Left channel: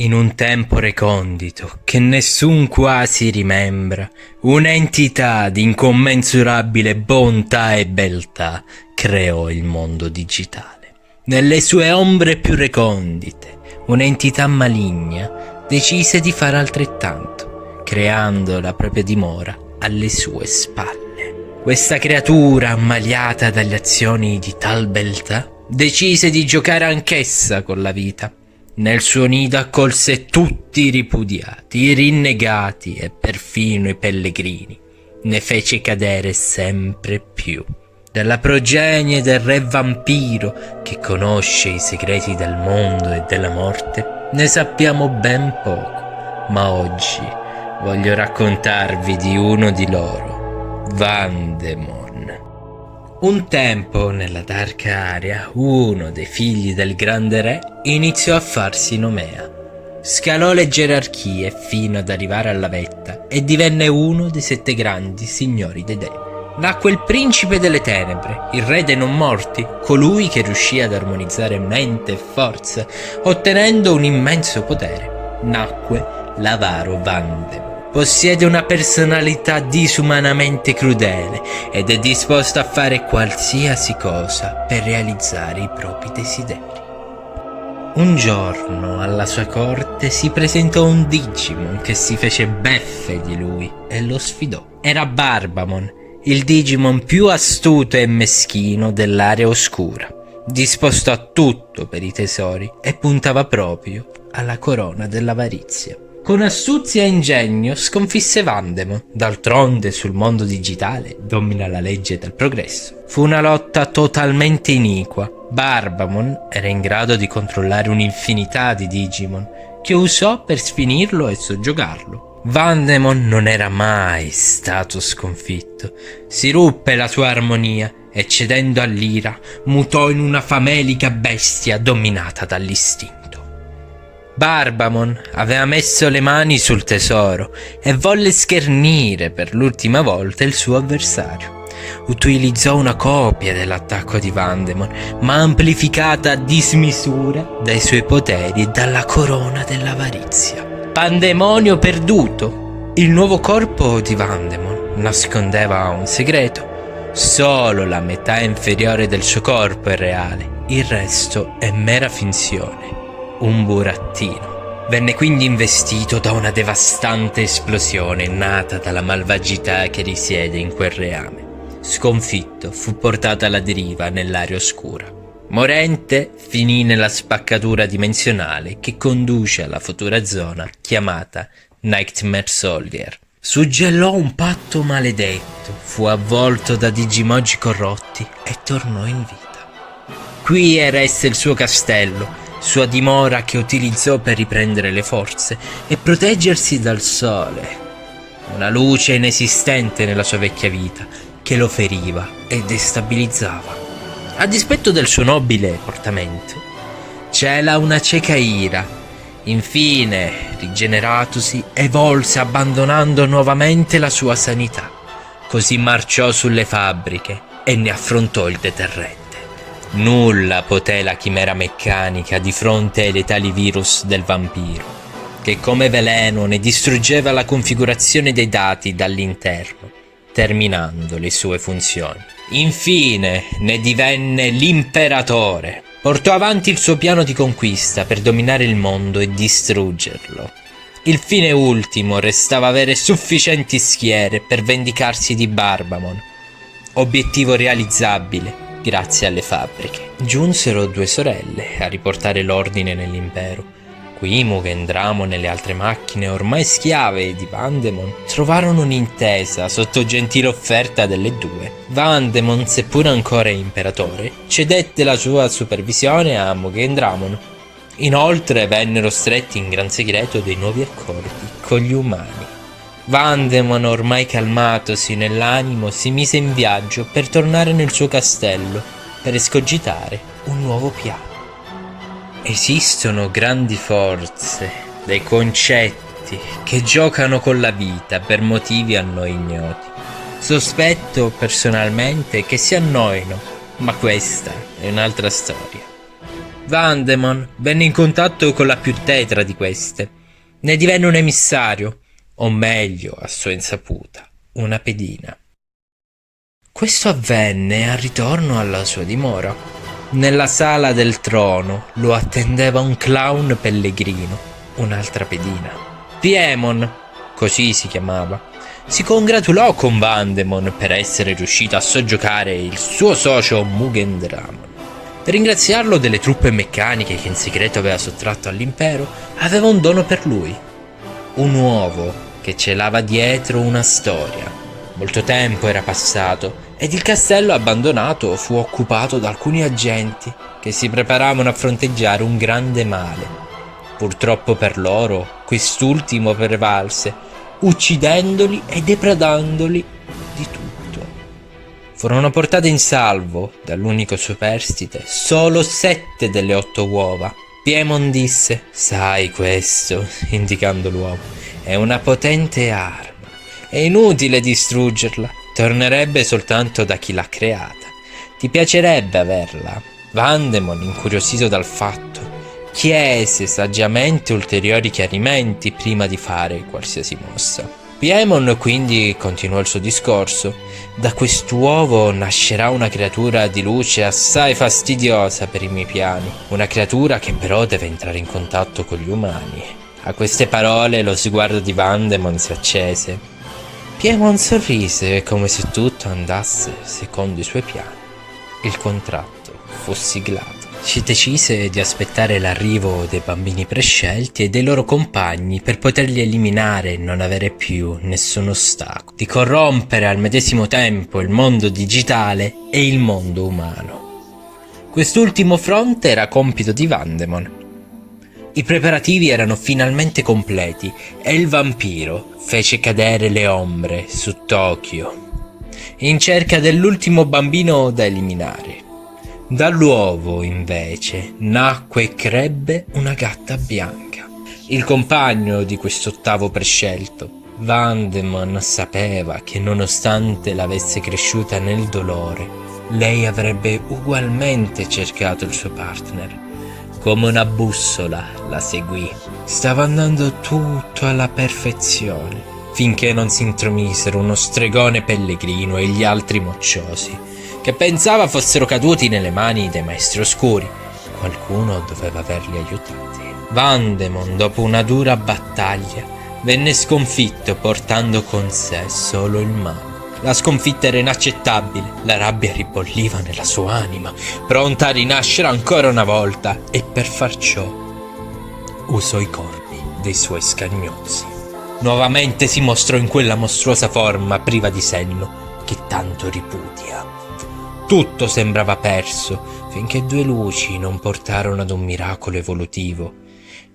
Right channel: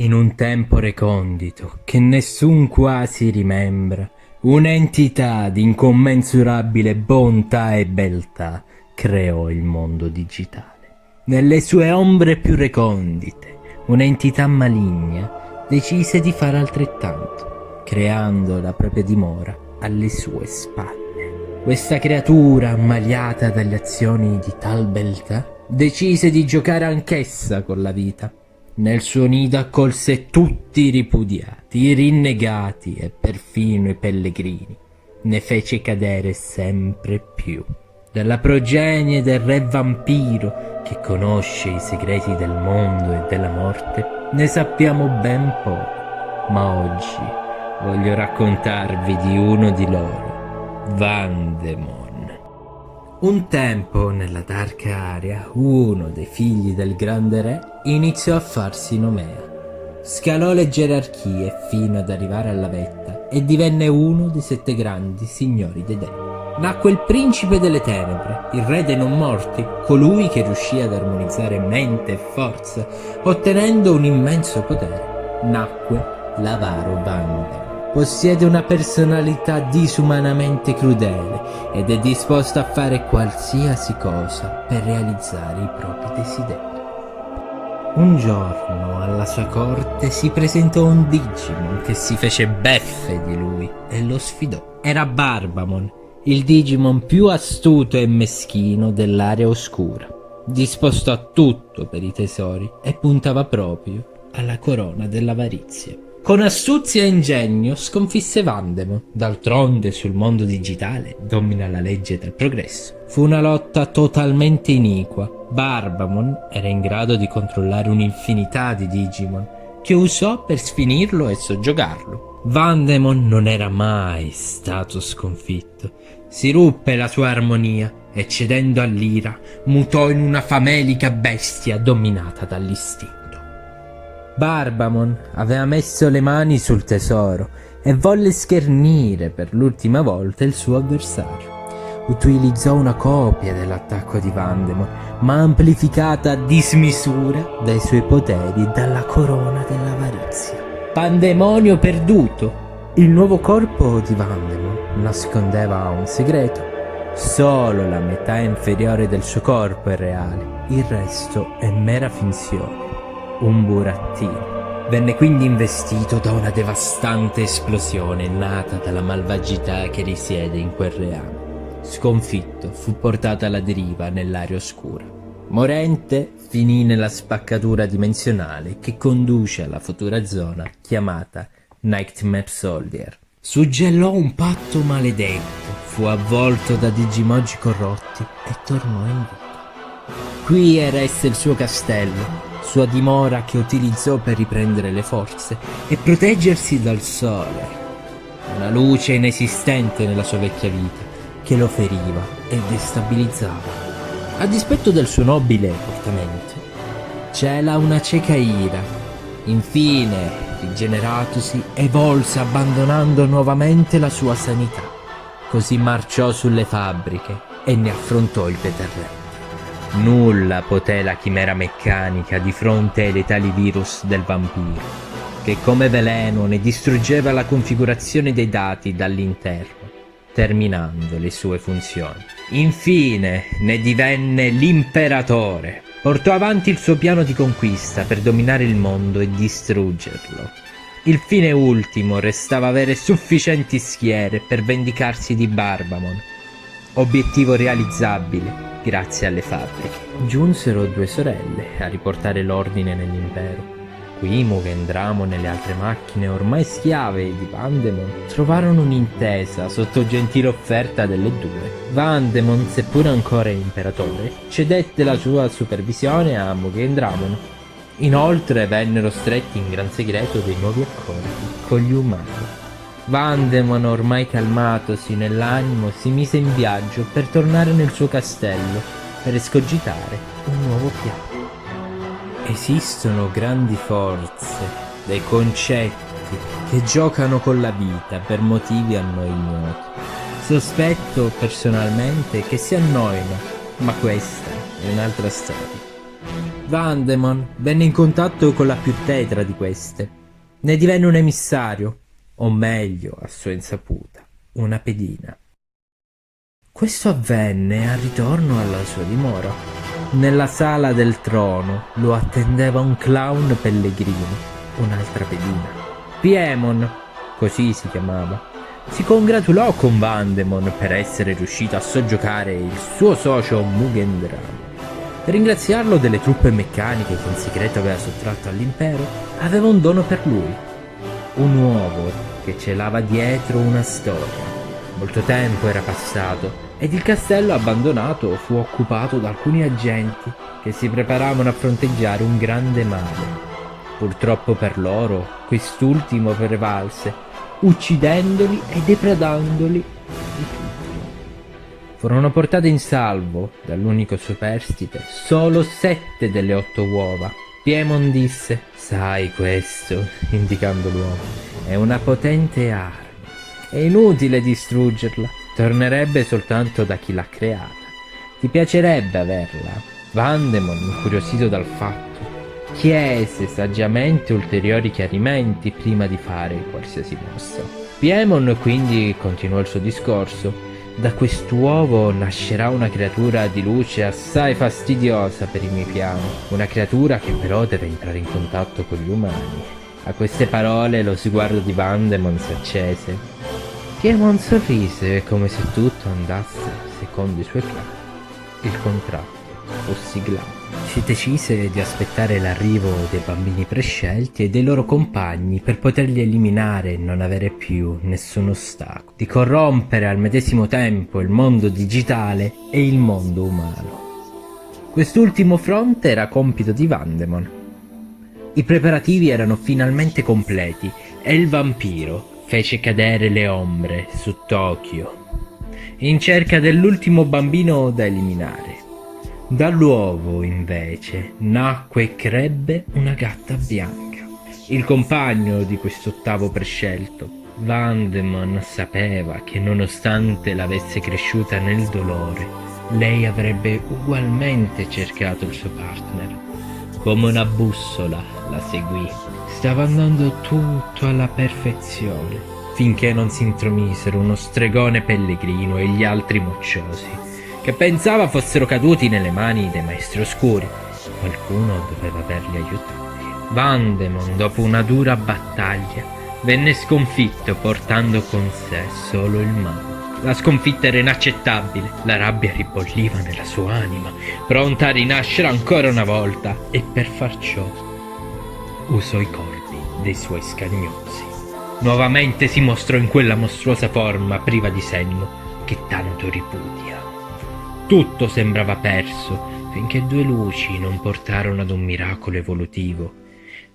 In un tempo recondito, che nessun quasi rimembra, un'entità di incommensurabile bontà e beltà creò il mondo digitale. Nelle sue ombre più recondite, un'entità maligna decise di fare altrettanto, creando la propria dimora alle sue spalle. Questa creatura, ammaliata dalle azioni di tal beltà, decise di giocare anch'essa con la vita. Nel suo nido accolse tutti i ripudiati, i rinnegati e perfino i pellegrini. Ne fece cadere sempre più. Della progenie del re vampiro, che conosce i segreti del mondo e della morte, ne sappiamo ben poco. Ma oggi voglio raccontarvi di uno di loro, Vandemon. Un tempo, nella Dark Area, uno dei figli del grande re iniziò a farsi nomea. Scalò le gerarchie fino ad arrivare alla vetta e divenne uno dei 7 grandi signori dei dei. Nacque il principe delle tenebre, il re dei non morti, colui che riuscì ad armonizzare mente e forza, ottenendo un immenso potere. Nacque l'avaro Vandemon. Possiede una personalità disumanamente crudele ed è disposto a fare qualsiasi cosa per realizzare i propri desideri. Un giorno alla sua corte si presentò un Digimon che si fece beffe di lui e lo sfidò. Era Barbamon, il Digimon più astuto e meschino dell'area oscura, disposto a tutto per i tesori e puntava proprio alla corona dell'avarizia. Con astuzia e ingegno sconfisse Vandemon. D'altronde sul mondo digitale domina la legge del progresso. Fu una lotta totalmente iniqua. Barbamon era in grado di controllare un'infinità di Digimon, che usò per sfinirlo e soggiogarlo. Vandemon non era mai stato sconfitto. Si ruppe la sua armonia e, cedendo all'ira, mutò in una famelica bestia dominata dall'istinto. Barbamon aveva messo le mani sul tesoro e volle schernire per l'ultima volta il suo avversario. Utilizzò una copia dell'attacco di Vandemon, ma amplificata a dismisura dai suoi poteri e dalla corona dell'avarizia. Pandemonio perduto! Il nuovo corpo di Vandemon nascondeva un segreto. Solo la metà inferiore del suo corpo è reale, il resto è mera finzione. Un burattino. Venne quindi investito da una devastante esplosione nata dalla malvagità che risiede in quel reame. Sconfitto, fu portato alla deriva nell'area oscura. Morente, finì nella spaccatura dimensionale che conduce alla futura zona chiamata Nightmare Soldier. Suggellò un patto maledetto, fu avvolto da Digimoji corrotti e tornò in vita. Qui eresse il suo castello, sua dimora che utilizzò per riprendere le forze e proteggersi dal sole. Una luce inesistente nella sua vecchia vita che lo feriva e destabilizzava. A dispetto del suo nobile portamento, cela una cieca ira. Infine, rigeneratosi, evolse abbandonando nuovamente la sua sanità. Così marciò sulle fabbriche e ne affrontò il deterrente. Nulla poté la chimera meccanica di fronte ai letali virus del vampiro, che come veleno ne distruggeva la configurazione dei dati dall'interno, terminando le sue funzioni. Infine ne divenne l'imperatore. Portò avanti il suo piano di conquista per dominare il mondo e distruggerlo. Il fine ultimo restava avere sufficienti schiere per vendicarsi di Barbamon. Obiettivo realizzabile grazie alle fabbriche. Giunsero 2 sorelle a riportare l'ordine nell'impero. Qui Mugen Dramon e le altre macchine, ormai schiave di Vandemon, trovarono un'intesa sotto gentile offerta delle 2. Vandemon, seppur ancora imperatore, cedette la sua supervisione a Mugen Dramon. Inoltre vennero stretti in gran segreto dei nuovi accordi con gli umani. Vandemon, ormai calmatosi nell'animo, si mise in viaggio per tornare nel suo castello per escogitare un nuovo piano. Esistono grandi forze, dei concetti che giocano con la vita per motivi a noi ignoti. Sospetto personalmente che si annoino, ma questa è un'altra storia. Vandemon venne in contatto con la più tetra di queste. Ne divenne un emissario, o meglio, a sua insaputa, una pedina. Questo avvenne al ritorno alla sua dimora. Nella sala del trono lo attendeva un clown pellegrino, un'altra pedina. Piemon, così si chiamava, si congratulò con Vandemon per essere riuscito a soggiocare il suo socio Mugendram. Per ringraziarlo delle truppe meccaniche che in segreto aveva sottratto all'impero, aveva un dono per lui. Un uovo che celava dietro una storia. Molto tempo era passato ed il castello abbandonato fu occupato da alcuni agenti che si preparavano a fronteggiare un grande male. Purtroppo per loro, quest'ultimo prevalse, uccidendoli e depredandoli di tutto. Furono portate in salvo dall'unico superstite solo 7 delle 8 uova. Piemon disse: sai questo, indicando l'uovo, è una potente arma. È inutile distruggerla, tornerebbe soltanto da chi l'ha creata. Ti piacerebbe averla? Vandemon, incuriosito dal fatto, chiese saggiamente ulteriori chiarimenti prima di fare qualsiasi mossa. Piemon quindi continuò il suo discorso. Da quest'uovo nascerà una creatura di luce assai fastidiosa per i miei piani, una creatura che però deve entrare in contatto con gli umani. A queste parole lo sguardo di Vandemon si accese. Piemon sorrise come se tutto andasse secondo i suoi piani. Il contratto fu siglato. Si decise di aspettare l'arrivo dei bambini prescelti e dei loro compagni per poterli eliminare e non avere più nessun ostacolo, di corrompere al medesimo tempo il mondo digitale e il mondo umano. Quest'ultimo fronte era compito di Vandemon. I preparativi erano finalmente completi e il vampiro fece cadere le ombre su Tokyo, in cerca dell'ultimo bambino da eliminare. Dall'uovo, invece, nacque e crebbe una gatta bianca, il compagno di quest'ottavo prescelto. Vandemon sapeva che nonostante l'avesse cresciuta nel dolore, lei avrebbe ugualmente cercato il suo partner. Come una bussola la seguì. Stava andando tutto alla perfezione, finché non si intromisero uno stregone pellegrino e gli altri mocciosi, che pensava fossero caduti nelle mani dei maestri oscuri. Qualcuno doveva averli aiutati. Vandemon, dopo una dura battaglia, venne sconfitto portando con sé solo il male. La sconfitta era inaccettabile, la rabbia ribolliva nella sua anima, pronta a rinascere ancora una volta, e per far ciò usò i corpi dei suoi scagnosi. Nuovamente si mostrò in quella mostruosa forma priva di senno che tanto ripudia. Tutto sembrava perso finché 2 luci non portarono ad un miracolo evolutivo.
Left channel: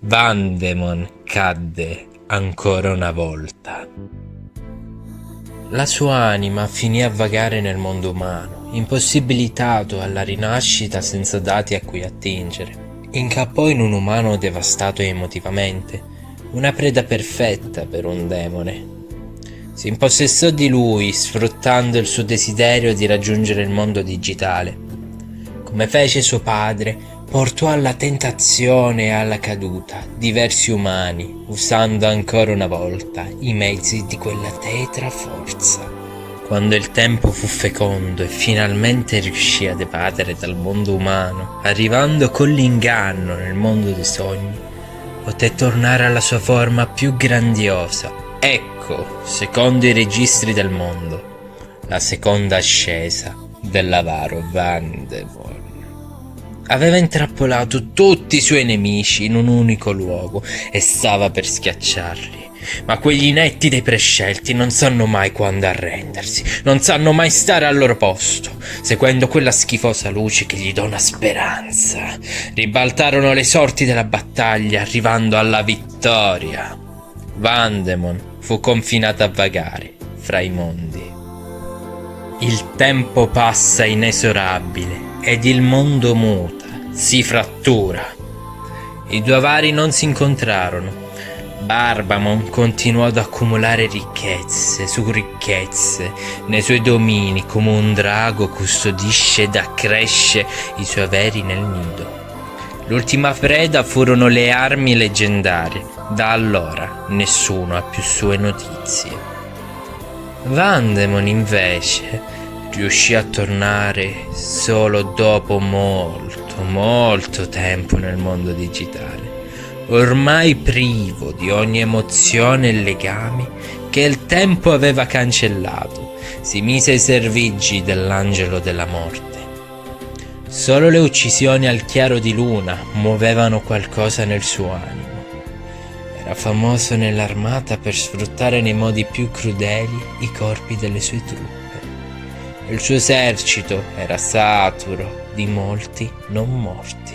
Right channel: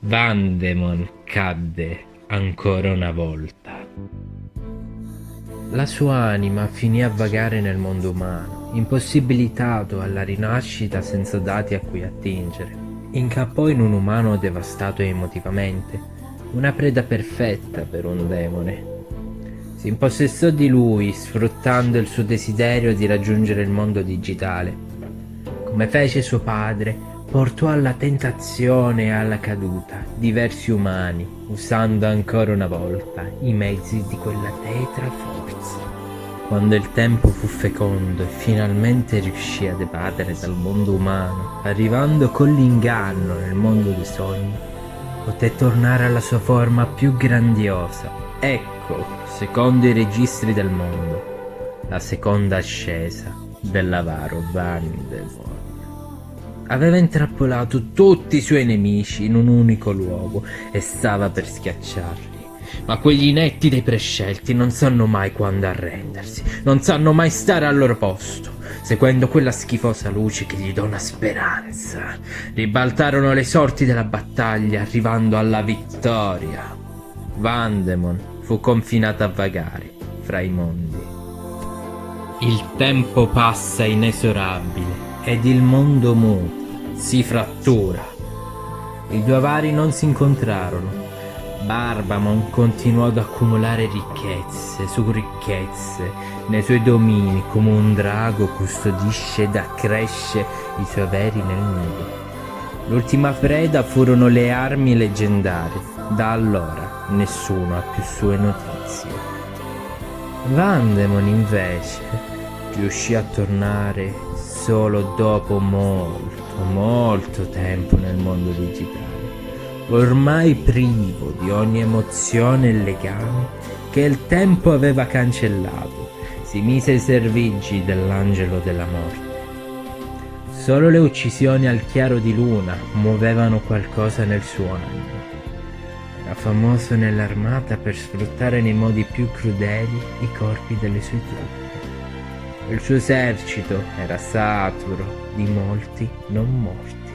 Vandemon cadde ancora una volta. La sua anima finì a vagare nel mondo umano, impossibilitato alla rinascita senza dati a cui attingere. Incappò in un umano devastato emotivamente, una preda perfetta per un demone. Si impossessò di lui, sfruttando il suo desiderio di raggiungere il mondo digitale. Come fece suo padre, portò alla tentazione e alla caduta diversi umani, usando ancora una volta i mezzi di quella tetra forza. Quando il tempo fu fecondo e finalmente riuscì ad evadere dal mondo umano, arrivando con l'inganno nel mondo dei sogni, poté tornare alla sua forma più grandiosa. Ecco, secondo i registri del mondo, la seconda ascesa dell'avaro Vandemon. Aveva intrappolato tutti i suoi nemici in un unico luogo e stava per schiacciarli. Ma quegli inetti dei prescelti non sanno mai quando arrendersi, non sanno mai stare al loro posto, seguendo quella schifosa luce che gli dona speranza. Ribaltarono le sorti della battaglia, arrivando alla vittoria. Vandemon fu confinato a vagare fra i mondi. Il tempo passa inesorabile ed il mondo muta, si frattura. I 2 avari non si incontrarono. Barbamon continuò ad accumulare ricchezze su ricchezze nei suoi domini, come un drago custodisce ed accresce i suoi averi nel nido. L'ultima preda furono le armi leggendarie. Da allora nessuno ha più sue notizie. Vandemon invece riuscì a tornare solo dopo molto tempo nel mondo digitale, ormai privo di ogni emozione e legami che il tempo aveva cancellato. Si mise ai servigi dell'angelo della morte. Solo le uccisioni al chiaro di luna muovevano qualcosa nel suo animo. Era famoso nell'armata per sfruttare nei modi più crudeli i corpi delle sue truppe. Il suo esercito era saturo di molti non morti.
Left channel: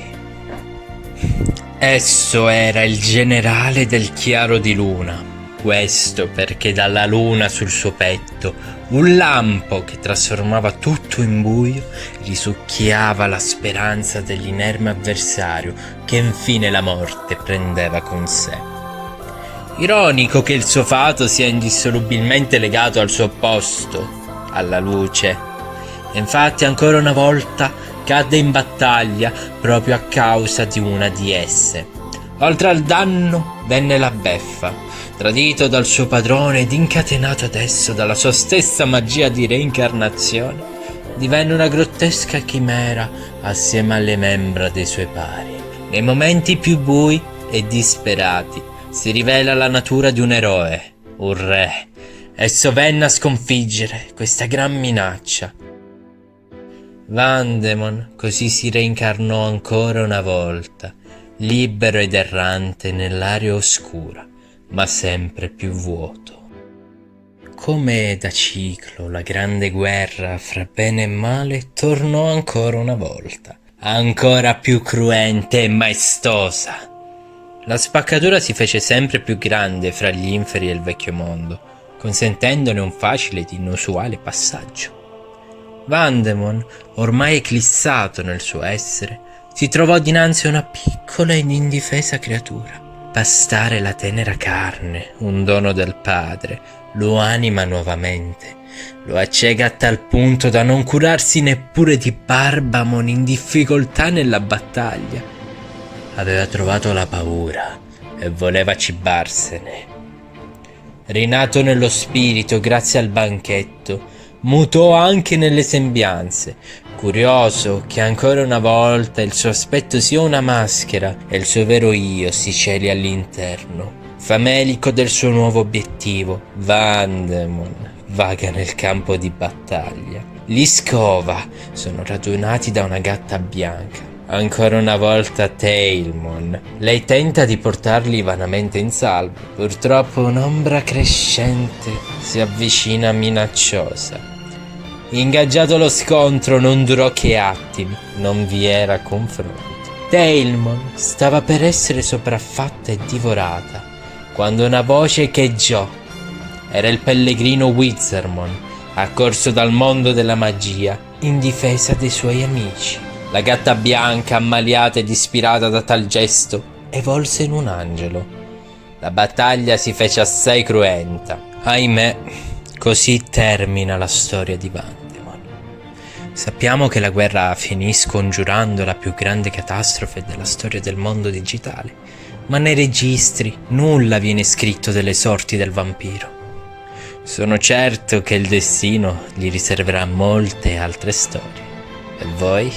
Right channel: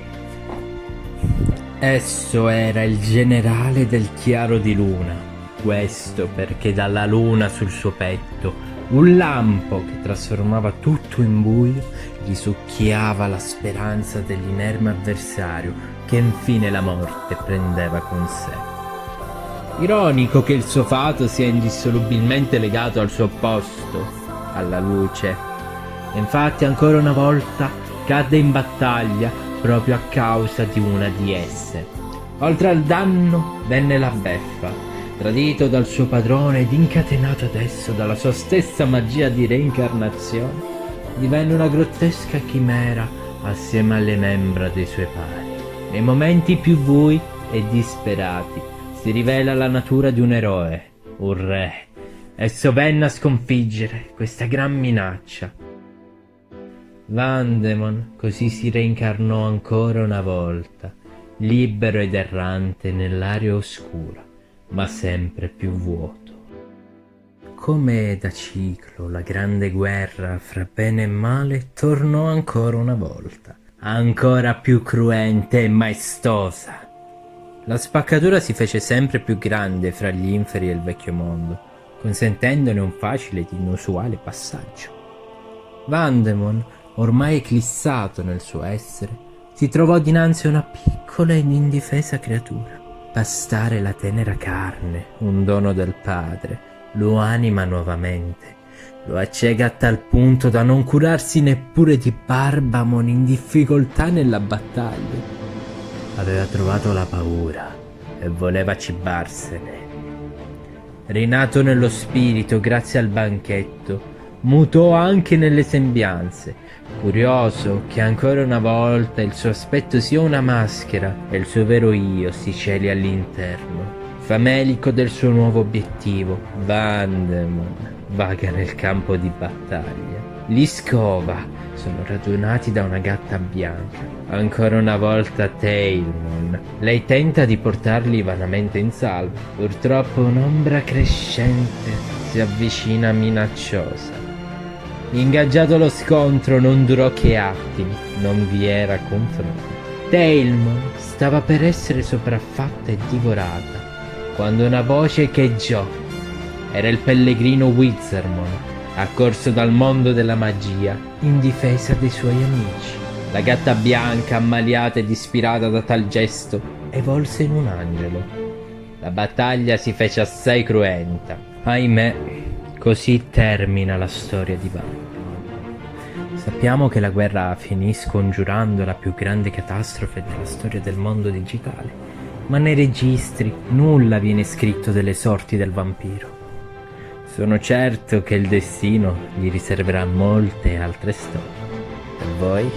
Esso era il generale del chiaro di luna. Questo perché dalla luna sul suo petto un lampo che trasformava tutto in buio risucchiava la speranza dell'inerme avversario che infine la morte prendeva con sé. Ironico che il suo fato sia indissolubilmente legato al suo opposto, alla luce. Infatti ancora una volta cadde in battaglia proprio a causa di una di esse. Oltre al danno venne la beffa. Tradito dal suo padrone ed incatenato adesso dalla sua stessa magia di reincarnazione, divenne una grottesca chimera assieme alle membra dei suoi pari. Nei momenti più bui e disperati si rivela la natura di un eroe, un re. Esso venne a sconfiggere questa gran minaccia. Vandemon così si reincarnò ancora una volta, libero ed errante nell'area oscura, ma sempre più vuoto. Come da ciclo, la grande guerra fra bene e male tornò ancora una volta, ancora più cruente e maestosa. La spaccatura si fece sempre più grande fra gli inferi e il vecchio mondo, consentendone un facile ed inusuale passaggio. Vandemon, ormai eclissato nel suo essere, si trovò dinanzi a una piccola ed indifesa creatura. Pastare la tenera carne, un dono del padre, lo anima nuovamente, lo accega a tal punto da non curarsi neppure di Barbamon in difficoltà nella battaglia. Aveva trovato la paura e voleva cibarsene. Rinato nello spirito grazie al banchetto, mutò anche nelle sembianze, curioso che ancora una volta il suo aspetto sia una maschera e il suo vero io si celi all'interno. Famelico del suo nuovo obiettivo, Vandemon vaga nel campo di battaglia. Gli Scova sono radunati da una gatta bianca. Ancora una volta Tailmon. Lei tenta di portarli vanamente in salvo. Purtroppo un'ombra crescente si avvicina minacciosa. Ingaggiato lo scontro non durò che attimi, non vi era confronto. Tailmon stava per essere sopraffatta e divorata quando una voce echeggiò. Era il pellegrino Wizardmon, accorso dal mondo della magia in difesa dei suoi amici. La gatta bianca, ammaliata ed ispirata da tal gesto, evolse in un angelo. La battaglia si fece assai cruenta. Ahimè, così termina la storia di Vandemon. Sappiamo che la guerra finì scongiurando la più grande catastrofe della storia del mondo digitale, ma nei registri nulla viene scritto delle sorti del vampiro. Sono certo che il destino gli riserverà molte altre storie. E voi?